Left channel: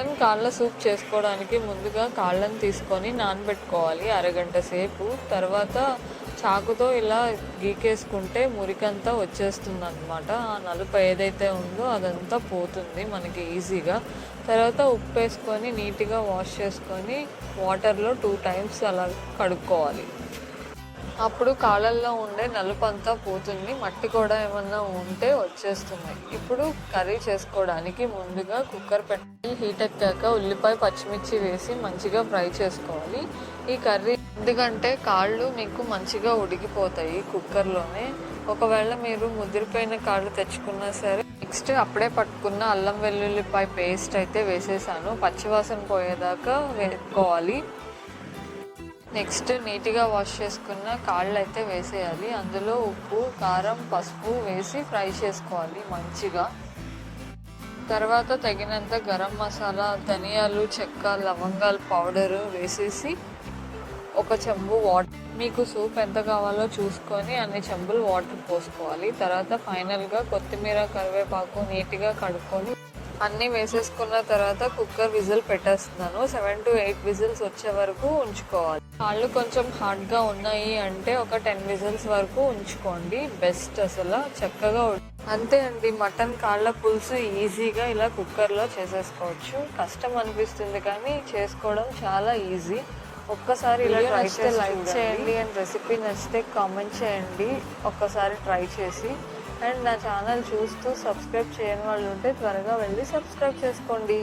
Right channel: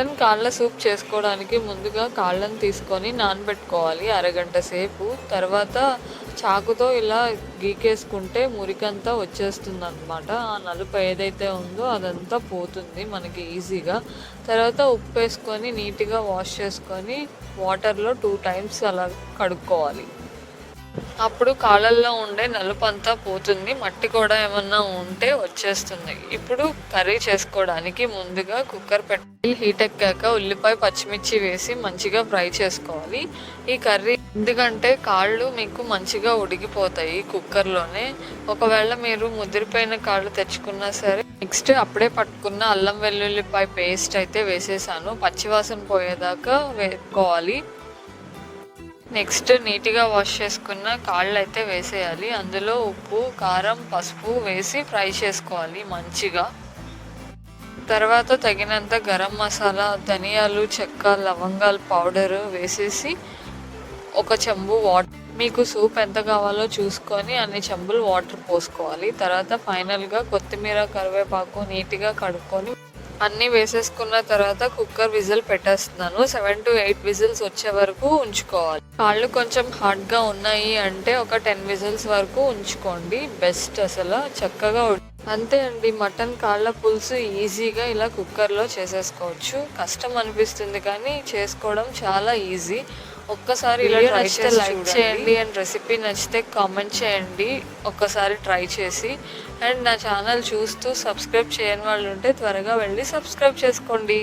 Mutton కాళ్ళ soup చేసుకోవడానికి ముందుగా కాళ్ళని తీసుకొని నానబెట్టుకోవాలి అరగంట సేపు. తర్వాత చాకుతో ఇలా గీకేసుకుంటే మురికంతా వచ్చేస్తుంది అనమాట ఆ నలుపు ఏదైతే ఉందో అదంతా పోతుంది మనకి ఈజీగా. తర్వాత ఉప్పు వేసుకొని నీట్గా వాష్ చేసుకొని వాటర్లో టూ టైమ్స్ అలా కడుక్కోవాలి. అప్పుడు కాళ్ళల్లో ఉండే నలుపు అంతా పోతుంది. మట్టి కూడా ఏమన్నా ఉంటే వచ్చేస్తుంది. ఇప్పుడు కర్రీ చేసుకోవడానికి ముందుగా కుక్కర్ పెట్టి హీట్ ఎక్కాక ఉల్లిపాయ పచ్చిమిర్చి వేసి మంచిగా ఫ్రై చేసుకోవాలి. ఈ కర్రీ ఎందుకంటే కాళ్ళు మీకు మంచిగా ఉడికిపోతాయి కుక్కర్లోనే. ఒకవేళ మీరు ముదిరిపోయిన కాళ్ళు తెచ్చుకున్నా సరే నెక్స్ట్ అప్పుడే పట్టుకున్న అల్లం వెల్లుల్లిపాయ పేస్ట్ అయితే వేసేసాను. పచ్చివాసన పోయేదాకా వేసుకోవాలి నెక్స్ట్ నీట్గా వాష్ చేసుకున్న కాళ్ళు అయితే వేసేయాలి. అందులో ఉప్పు కారం పసుపు వేసి ఫ్రై చేసుకోవాలి మంచిగా. తర్వాత తగినంత గరం మసాలా ధనియాలు చెక్క లవంగాల పౌడరు వేసేసి ఒక చెంబు వాటర్ మీకు సూప్ ఎంత కావాలో చూసుకొని అన్ని చెంబులు వాటర్ పోసుకోవాలి. తర్వాత ఫైనల్గా కొత్తిమీర కరివేపాకు నీట్గా కడుక్కొని అన్నీ వేసేసుకున్న తర్వాత కుక్కర్ విజిల్ పెట్టేస్తున్నాను. సెవెన్ టు ఎయిట్ విజిల్స్ వచ్చే వరకు ఉంచుకోవాలి. కాళ్ళు కొంచెం హార్డ్గా ఉన్నాయి అంటే ఒక టెన్ విజిల్స్ వరకు ఉంచుకోండి. బెస్ట్ అసలు చక్కగా అంతే అండి. మటన్ కాళ్ళ పులుసు ఈజీగా ఇలా కుక్కర్లో చేసేసుకోవచ్చు. కష్టం అనిపిస్తుంది కానీ చేసుకోవడం చాలా ఈజీ. ఒక్కసారి చేసి లైక్ చేయండి అండ్ రెసిపీ నచ్చితే కామెంట్ చేయండి. ఒక్కసారి ట్రై చేసి. అండ్ నా ఛానల్ చూస్తూ సబ్స్క్రైబ్ చేయని వాళ్ళు ఉంటే త్వరగా వెళ్ళి సబ్స్క్రైబ్ చేసుకోండి.